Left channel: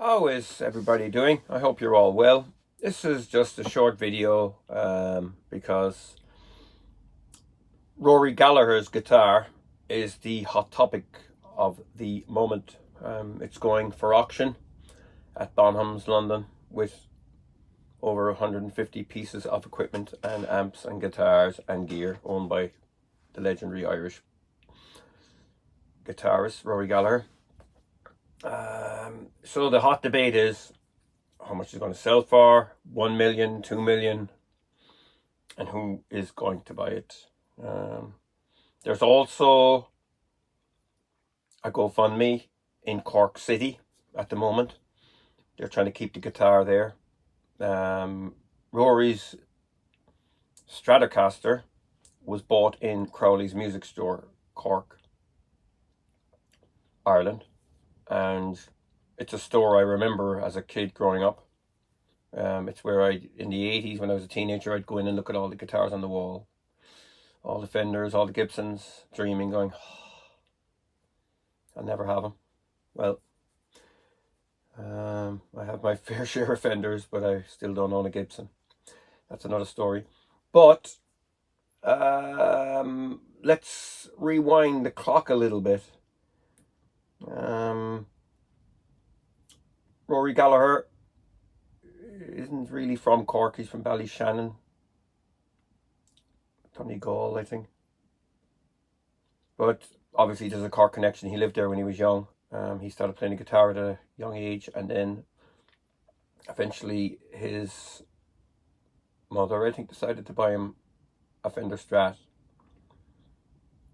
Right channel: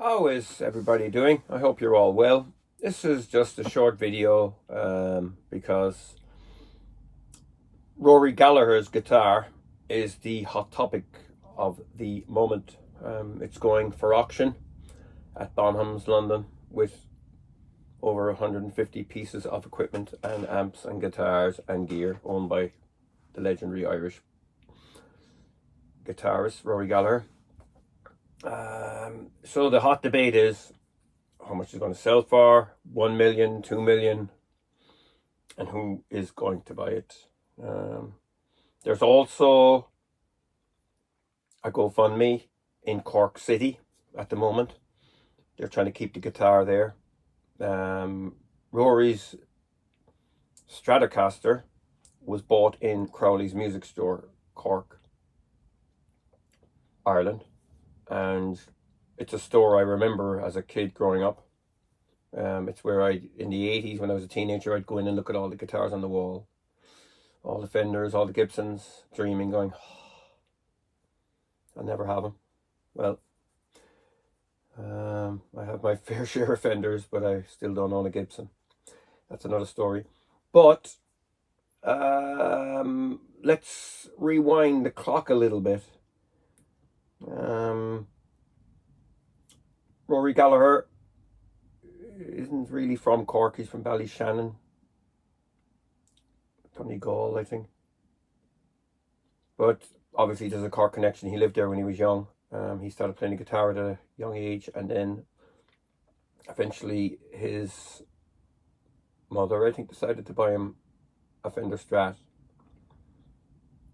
How is everybody doing? I hope you're all well. This is just a short video because Rory Gallagher's guitar is the hot topic of the moment. It's going for auction at Bonham's, London, with over 150 pieces of equipment and amps and guitars and gear owned by the legendary Irish guitarist Rory Gallagher. So the hot debate is how much it's going to sell for, 1 million, 2 million, and who is going to buy it. There's also a GoFundMe in Cork City at the moment. They're trying to keep the guitar there. Rory's Stratocaster was bought in Crowley's Music Store, Cork, Ireland, and it's a store I remember as a kid growing up. It's where in the 80s, when I was a teenager, I'd go in and look at all the guitars on the wall, all the Fenders, all the Gibsons, dreaming, going, oh, I'll never have them. Well, I have my fair share of Fenders, but I still don't own a Gibson. That's another story. But let's rewind the clock a little bit. Rory Gallagher isn't really from Cork. He's from Ballyshannon, Donegal, I think. But obviously there's a Cork connection. He lived there when he was young. He started playing the guitar at a young age, and then eventually his mother, I think, decided to buy him a Fender Strat.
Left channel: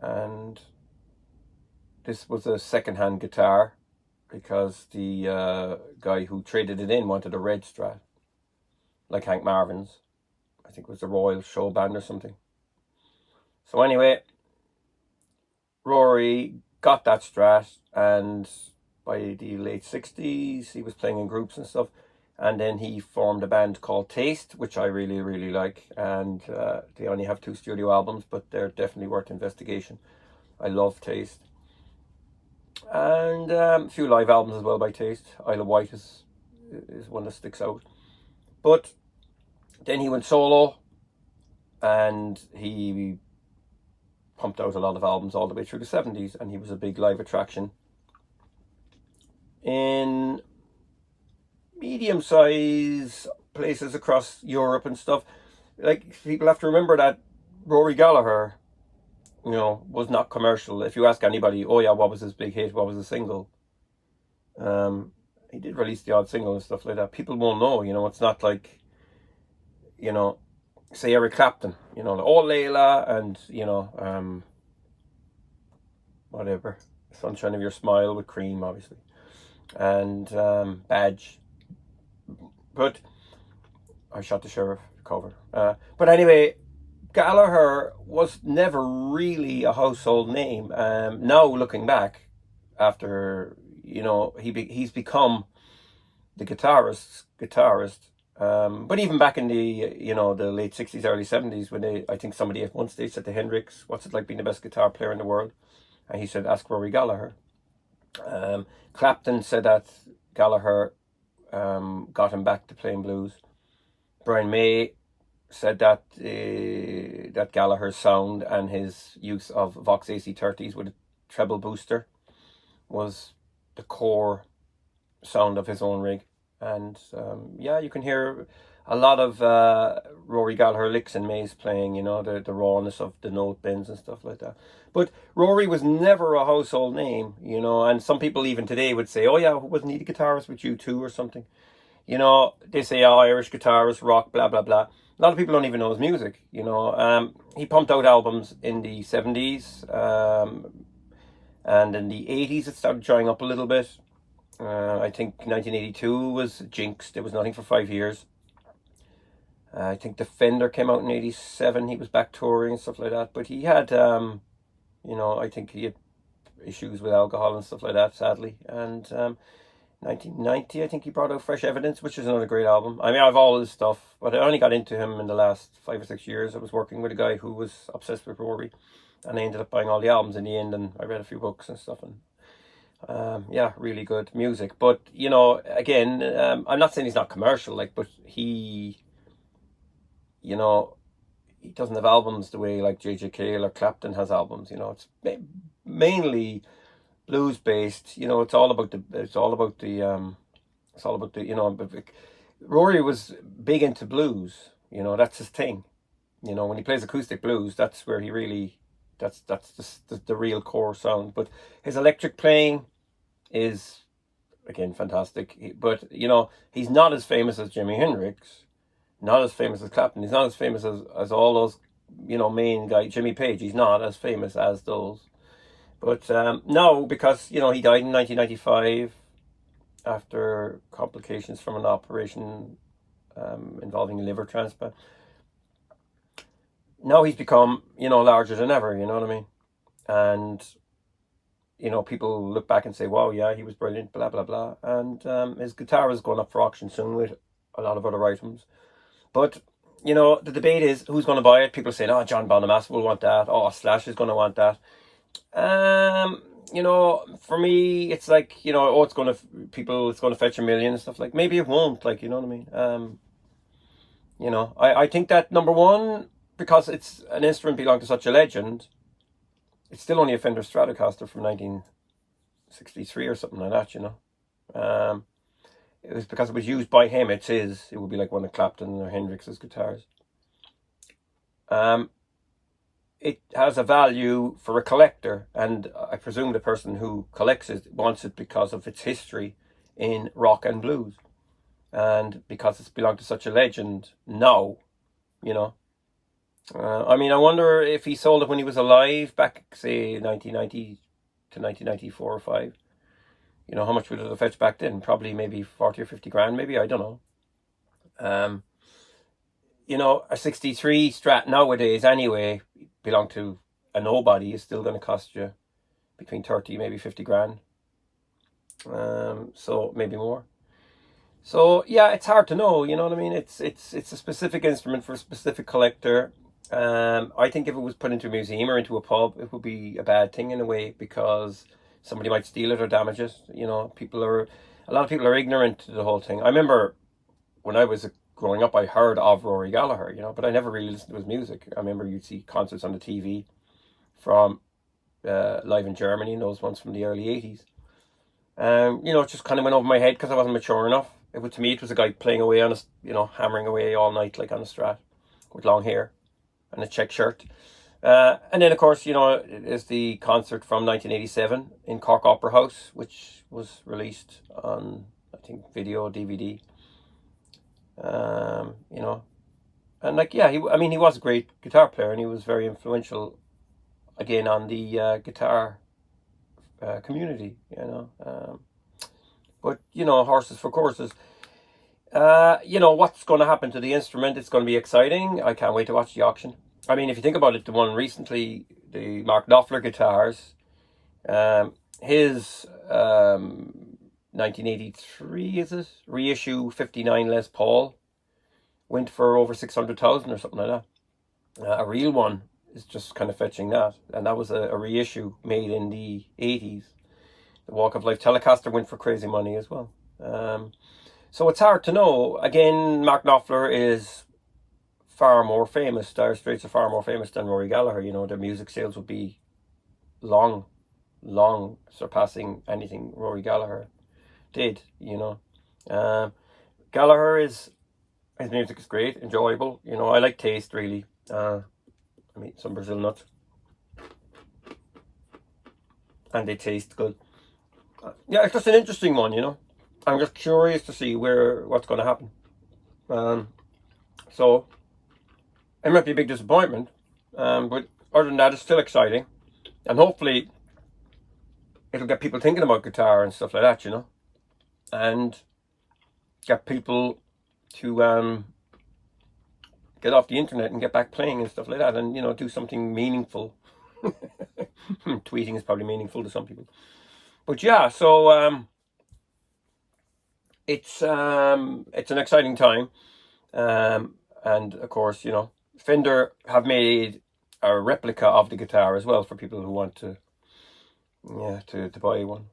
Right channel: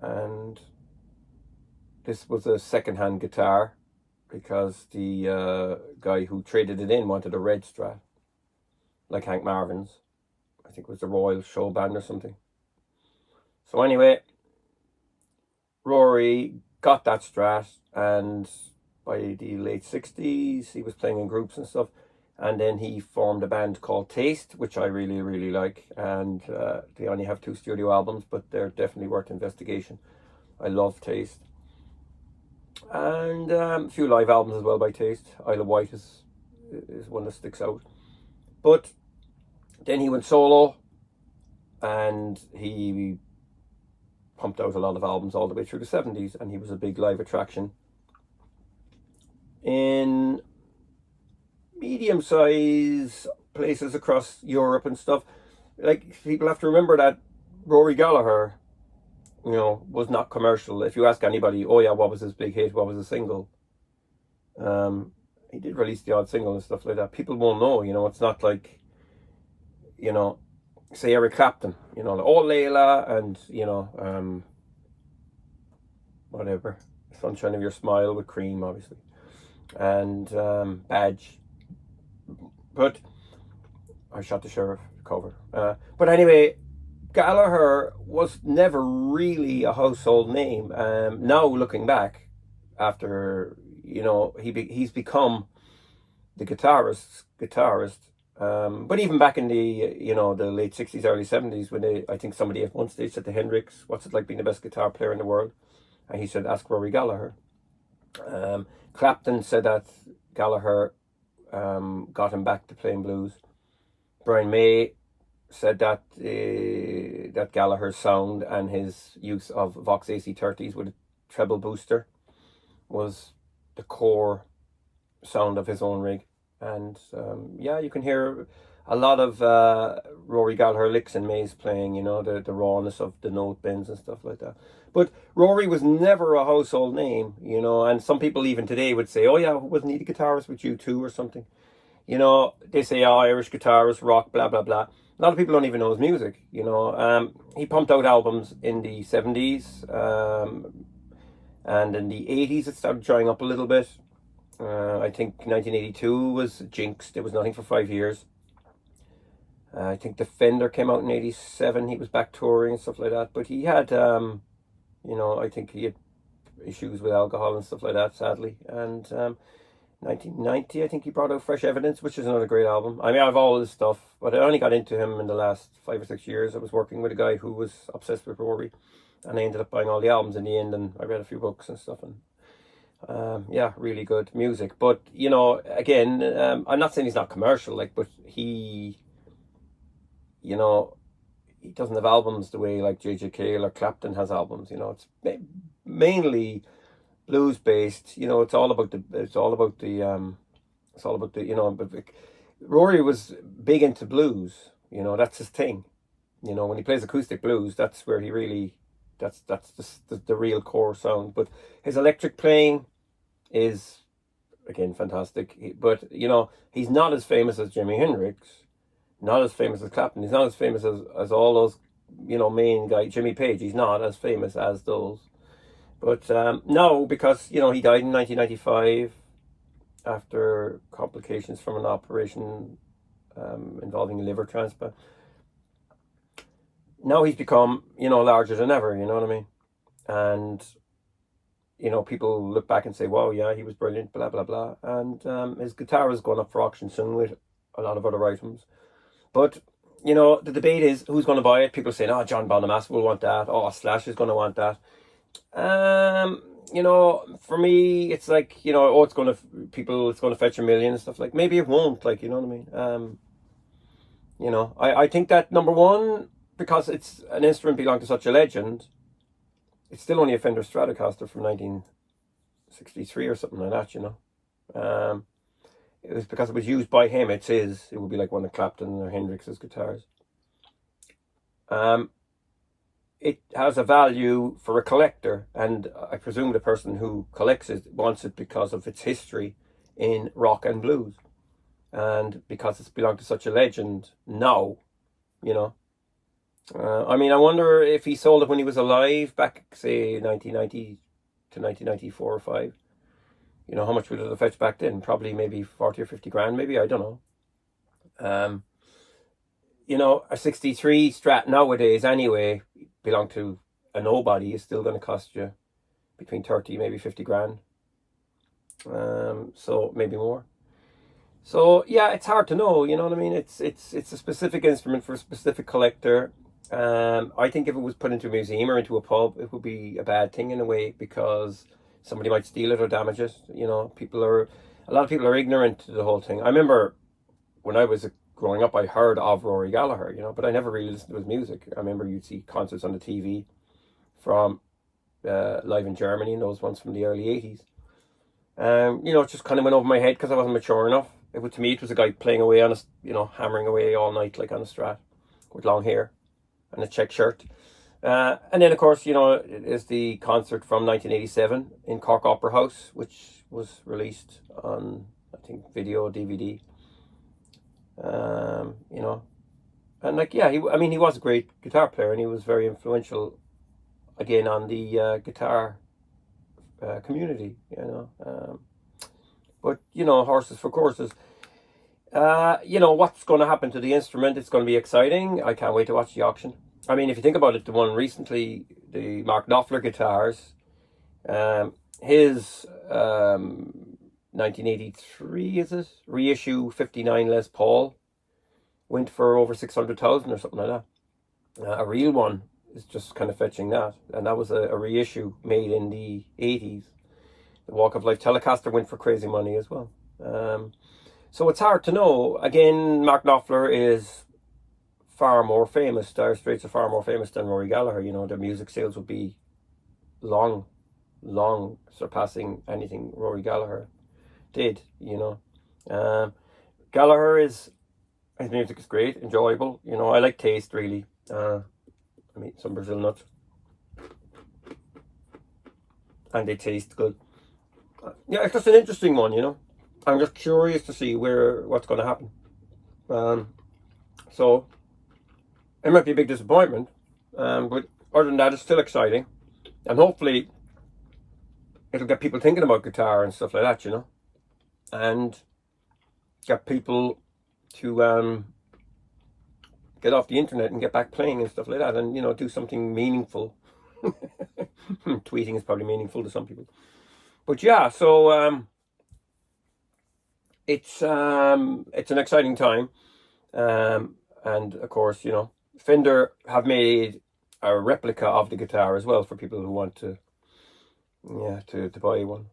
And this was a second-hand guitar because the guy who traded it in wanted a red Strat, like Hank Marvin's. I think it was the Royal Show Band or something. So anyway, Rory got that Strat, and by the late 60s he was playing in groups and stuff, and then he formed a band called Taste, which I really like, and they only have 2 studio albums, but they're definitely worth investigation. I love Taste. And a few live albums as well by Taste. Isle of Wight is one that sticks out. But then he went solo, and he pumped out a lot of albums all the way through the 70s, and he was a big live attraction in medium-sized places across Europe and stuff. Like, people have to remember that Rory Gallagher, was not commercial. If you ask anybody, oh yeah, what was his big hit, what was his single, he did release the odd single and stuff like that. People won't know. It's not like, say Eric Clapton, like, oh Layla, and whatever, Sunshine of Your Smile with Cream, obviously, and Badge. But I Shot the Sheriff cover. But anyway, Gallagher was never really a household name. Now looking back, after he's become the guitarist. But even back in the the late 60s, early 70s, when I think somebody at one stage said to Hendrix, "What's it like being the best guitar player in the world?" And he said, "Ask Rory Gallagher." Clapton said that Gallagher got him back to playing blues. Brian May said that that Gallagher's sound and his use of Vox AC30s with a treble booster was the core sound of his own rig. And yeah, you can hear a lot of Rory Gallagher licks in May's playing, the rawness of the note bends and stuff like that. But Rory was never a household name, and some people even today would say, oh yeah, wasn't he the guitarist with U2 or something? They say, oh, Irish guitarist, rock, blah, blah, blah. A lot of people don't even know his music, He pumped out albums in the 70s, and in the 80s it started drying up a little bit. I think 1982 was jinxed. It was nothing for 5 years. I think the Fender came out in 87. He was back touring and stuff like that. But he had, I think he had issues with alcohol and stuff like that, sadly. And 1990, I think he brought out Fresh Evidence, which is another great album. I mean, I have all his stuff, but I only got into him in the last 5 or 6 years. I was working with a guy who was obsessed with Rory, and I ended up buying all the albums in the end, and I read a few books and stuff, and Yeah, really good music. But you know, again, I'm not saying he's not commercial, like, but you know, he doesn't have albums the way like J.J. Cale or Clapton has albums. You know, it's mainly blues based. You know, it's all about the, you know. But Rory was big into blues. You know, that's his thing. You know, when he plays acoustic blues, that's where he really, that's the real core sound. But his electric playing is again fantastic. But you know, he's not as famous as Jimi Hendrix, not as famous as Clapton. He's not as famous as all those, you know, main guy Jimmy Page. He's not as famous as those. But no, because you know he died in 1995 after complications from an operation involving a liver transplant. Now he's become, you know, larger than ever. You know what I mean? And you know, people look back and say, "Wow, yeah, he was brilliant." Blah blah blah. And his guitar is going up for auction soon with a lot of other items. But you know, the debate is who's going to buy it. People saying, "Oh, John Bonham will want that." "Oh, Slash is going to want that." You know, for me, it's like, you know, oh, it's going to fetch a million and stuff. Like, maybe it won't. Like, you know what I mean? You know, I think that number one, because it's an instrument belonging to such a legend, it's still only a Fender Stratocaster from 1963 or something like that. You know, it was because it was used by him. It's his. It would be like one of Clapton or Hendrix's guitars. It has a value for a collector, and I presume the person who collects it wants it because of its history in rock and blues, and because it's belonged to such a legend now, you know. I mean, I wonder if he sold it when he was alive, back, say, 1990 to 1994 or 5. You know, how much would it have fetched back then? Probably maybe 40 or 50 grand, maybe, I don't know. You know, a 63 Strat nowadays, anyway, belong to a nobody, is still going to cost you between 30, maybe 50 grand. So maybe more. So yeah, it's hard to know, you know what I mean? It's a specific instrument for a specific collector. I think if it was put into a museum or into a pub, it would be a bad thing in a way, because somebody might steal it or damage it. You know, a lot of people are ignorant to the whole thing. I remember when I was growing up, I heard of Rory Gallagher, you know, but I never really listened to his music. I remember you'd see concerts on the TV from live in Germany, and those ones from the early 80s. You know, it just kind of went over my head because I wasn't mature enough. To me, it was a guy playing away on a, you know, hammering away all night like on a Strat with long hair and a check shirt. And then, of course, you know, it is the concert from 1987 in Cork Opera House, which was released on, I think, video, DVD. You know, and like, yeah, he was a great guitar player, and he was very influential, again, on the guitar community, you know. But, you know, horses for courses. You know, what's going to happen to the instrument? It's going to be exciting. I can't wait to watch the auction. I mean, if you think about it, the one recently, the Mark Knopfler guitars, his 1983, is it? Reissue 59 Les Paul went for over 600,000 or something like that. A real one is just kind of fetching that. And that was a reissue made in the 80s. The Walk of Life Telecaster went for crazy money as well. So it's hard to know. Again, Mark Knopfler is far more famous. Dire Straits are far more famous than Rory Gallagher. You know, their music sales would be long surpassing anything Rory Gallagher did, you know. His music is great, enjoyable. You know, I like taste, really. I mean, some Brazil nuts. And they taste good. Yeah, it's just an interesting one, you know. I'm just curious to see what's going to happen. So it might be a big disappointment, but other than that, it's still exciting, and hopefully it'll get people thinking about guitar and stuff like that, you know, and get people to get off the internet and get back playing and stuff like that, and, you know, do something meaningful. Tweeting is probably meaningful to some people, but yeah. So it's an exciting time, and of course, you know, Fender have made a replica of the guitar as well for people who want to yeah, to buy one.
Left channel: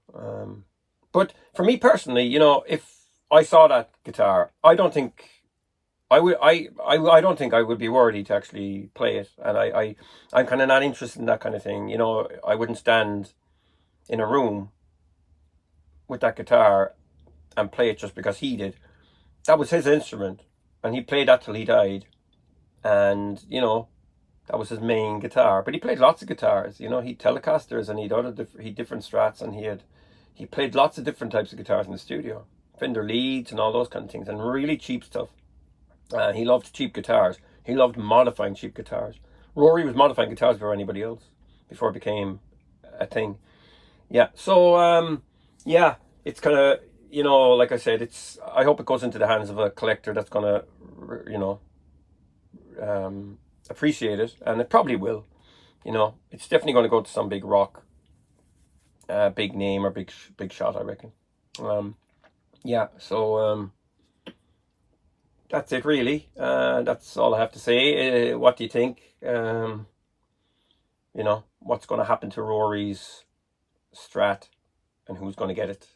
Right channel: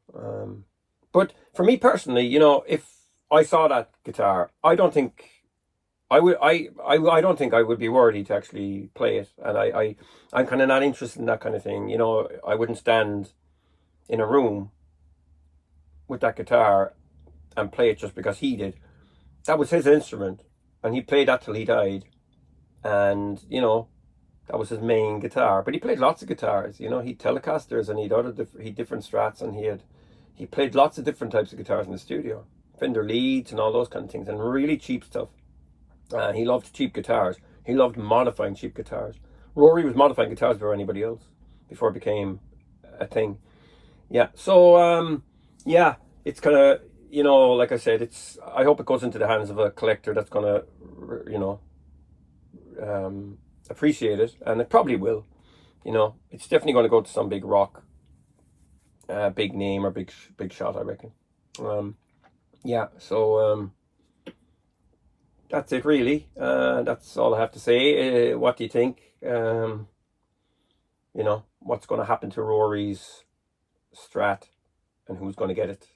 But for me personally, you know, if I saw that guitar, I don't think I would. I don't think I would be worthy to actually play it, and I'm kind of not interested in that kind of thing. You know, I wouldn't stand in a room with that guitar and play it just because he did. That was his instrument, and he played that till he died. And you know, that was his main guitar. But he played lots of guitars. You know, he'd Telecasters and he'd different Strats, and he played lots of different types of guitars in the studio, Fender leads and all those kind of things, and really cheap stuff. He loved cheap guitars. He loved modifying cheap guitars. Rory was modifying guitars before anybody else, before it became a thing. Yeah. So yeah, it's kind of, you know, like I said, it's. I hope it goes into the hands of a collector that's gonna, you know, appreciate it, and it probably will. You know, it's definitely going to go to some big rock, big name or big shot, I reckon. Yeah. So that's it, really. That's all I have to say. What do you think? You know, what's going to happen to Rory's Strat, and who's going to get it?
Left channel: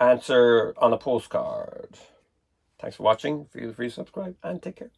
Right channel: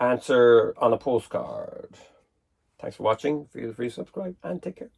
Answer on a postcard. Thanks for watching. Feel free to subscribe and take care.